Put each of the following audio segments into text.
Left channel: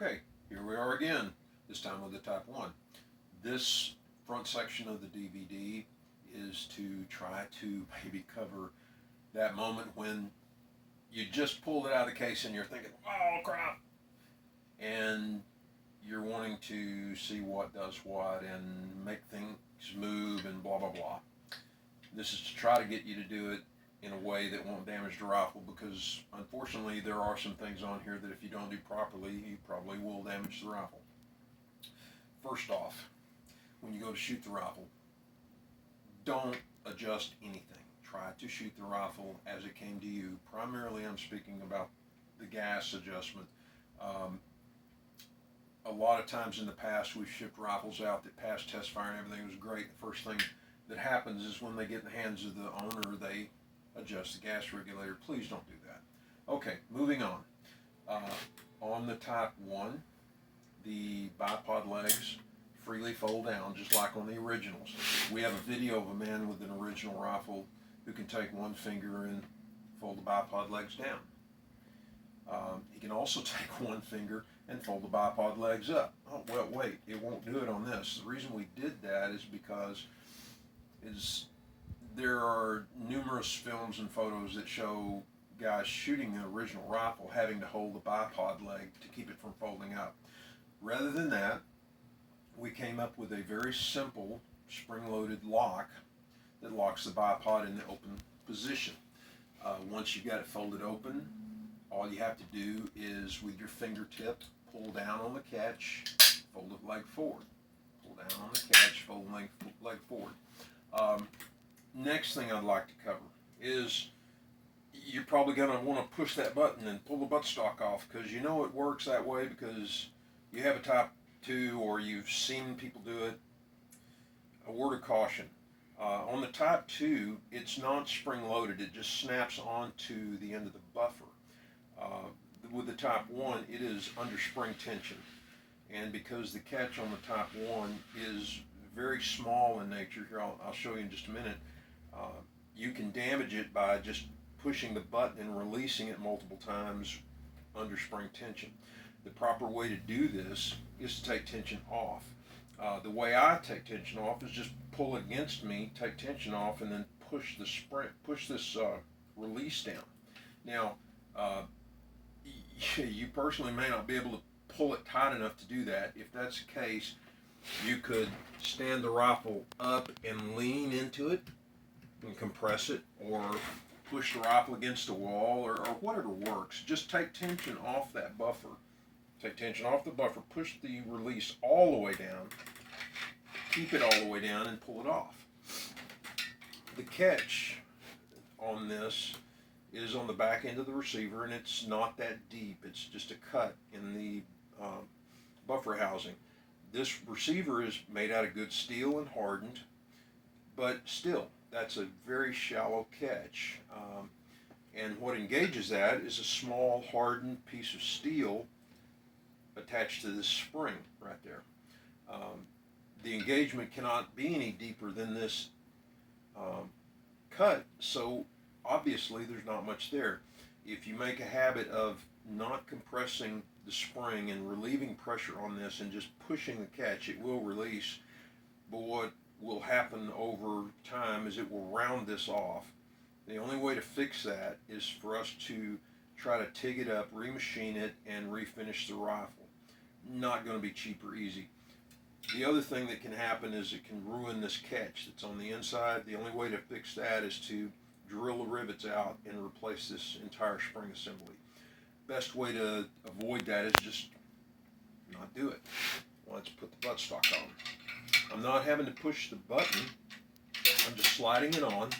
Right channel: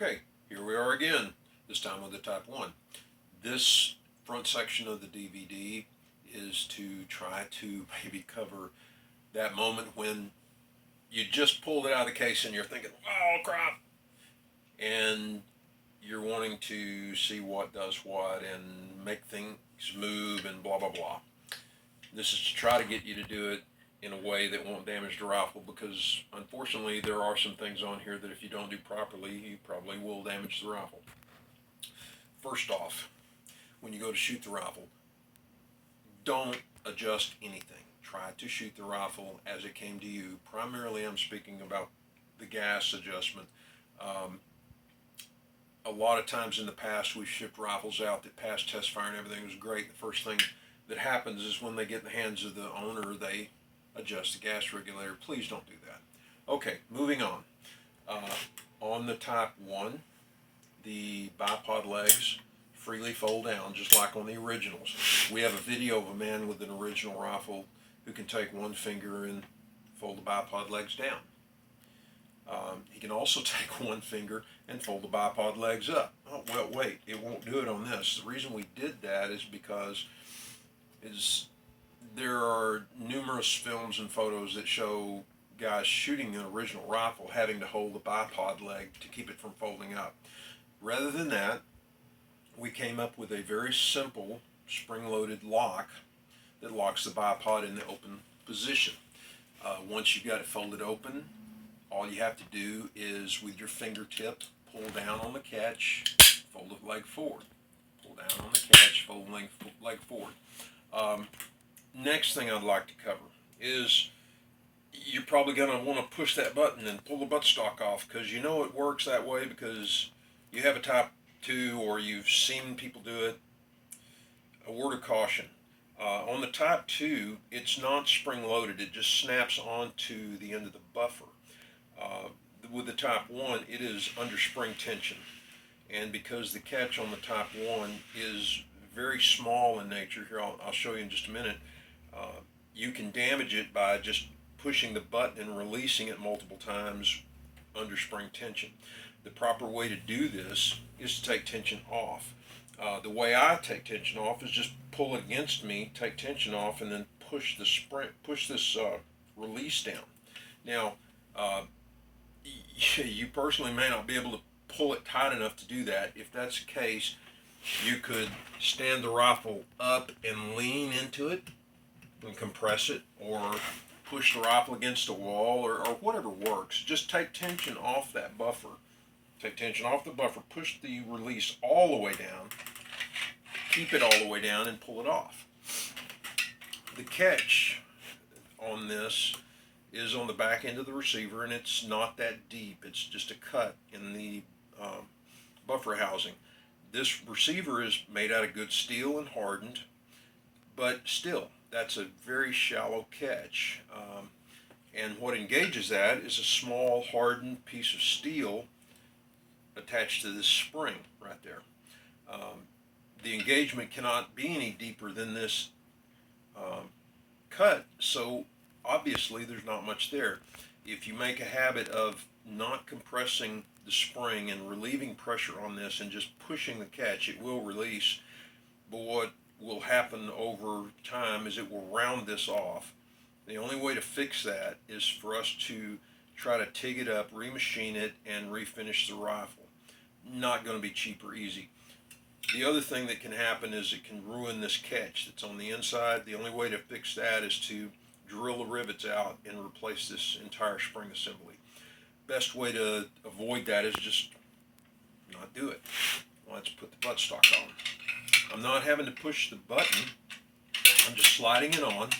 Okay, here we are again, this time with the Type 1. This front section of the DVD is to try to maybe cover that moment when you just pulled it out of the case and you're thinking, oh crap, and you're wanting to see what does what and make things move and blah blah blah. This is to try to get you to do it in a way that won't damage the rifle, because unfortunately there are some things on here that if you don't do properly, you probably will damage the rifle. First off, when you go to shoot the rifle, don't adjust anything. Try to shoot the rifle as it came to you. Primarily I'm speaking about the gas adjustment. A lot of times in the past we've shipped rifles out that passed test fire and everything was great. The first thing that happens is when they get in the hands of the owner, they adjust the gas regulator. Please don't do that. Okay, moving on. On the Type 1, the bipod legs freely fold down, just like on the originals. We have a video of a man with an original rifle who can take one finger and fold the bipod legs down. He can also take one finger and fold the bipod legs up. Oh, well, wait, it won't do it on this. The reason we did that is because there are numerous films and photos that show guys shooting an original rifle having to hold the bipod leg to keep it from folding up. Rather than that, we came up with a very simple spring-loaded lock that locks the bipod in the open position. Once you've got it folded open, all you have to do is with your fingertip pull down on the catch, fold the leg forward. Pull down on the catch, fold the leg forward. Next thing I'd like to cover is you're probably going to want to push that button and pull the buttstock off, because you know it works that way because you have a Type 2 or you've seen people do it. A word of caution. On the Type 2, it's not spring-loaded. It just snaps onto the end of the buffer. With the Type 1, it is under spring tension. And because the catch on the Type 1 is very small in nature, here I'll show you in just a minute, you can damage it by just pushing the button and releasing it multiple times under spring tension. The proper way to do this is to take tension off. The way I take tension off is just pull it against me, take tension off, and then push this release down. Now, you personally may not be able to pull it tight enough to do that. If that's the case, you could stand the rifle up and lean into it and compress it, or push the rifle against a wall, or whatever works. Just take tension off that buffer. Take tension off the buffer, push the release all the way down, keep it all the way down, and pull it off. The catch on this is on the back end of the receiver, and it's not that deep. It's just a cut in the buffer housing. This receiver is made out of good steel and hardened, but still, that's a very shallow catch. And what engages that is a small hardened piece of steel attached to this spring right there. The engagement cannot be any deeper than this cut, so obviously there's not much there. If you make a habit of not compressing the spring and relieving pressure on this and just pushing the catch, it will release. But what will happen over time is it will round this off. The only way to fix that is for us to try to TIG it up, remachine it, and refinish the rifle. Not going to be cheap or easy. The other thing that can happen is it can ruin this catch that's on the inside. The only way to fix that is to drill the rivets out and replace this entire spring assembly. Best way to avoid that is just not do it. Let's put the buttstock on. I'm not having to push the button. I'm just sliding it on.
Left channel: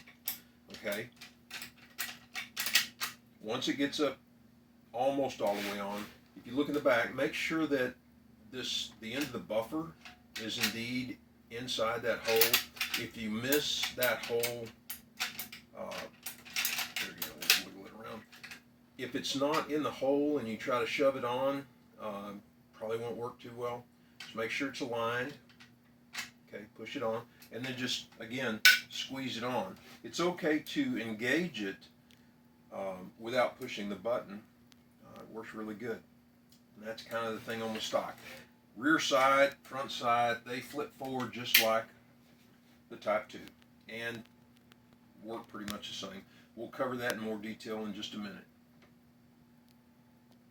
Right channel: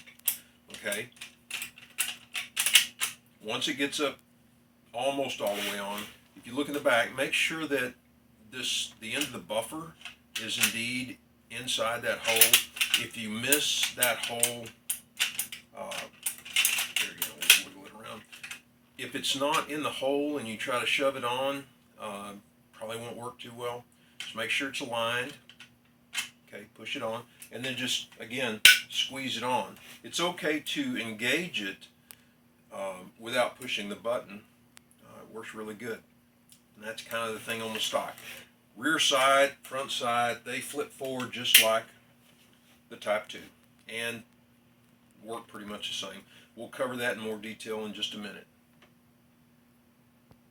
Okay. Once it gets up almost all the way on, if you look in the back, make sure that the end of the buffer is indeed inside that hole. If you miss that hole, there you go, we'll wiggle it around. If it's not in the hole and you try to shove it on, probably won't work too well. Just make sure it's aligned. Okay, push it on, and then just, again, squeeze it on. It's okay to engage it without pushing the button. It works really good. And that's kind of the thing on the stock. Rear side, front side, they flip forward just like the Type 2 and work pretty much the same. We'll cover that in more detail in just a minute.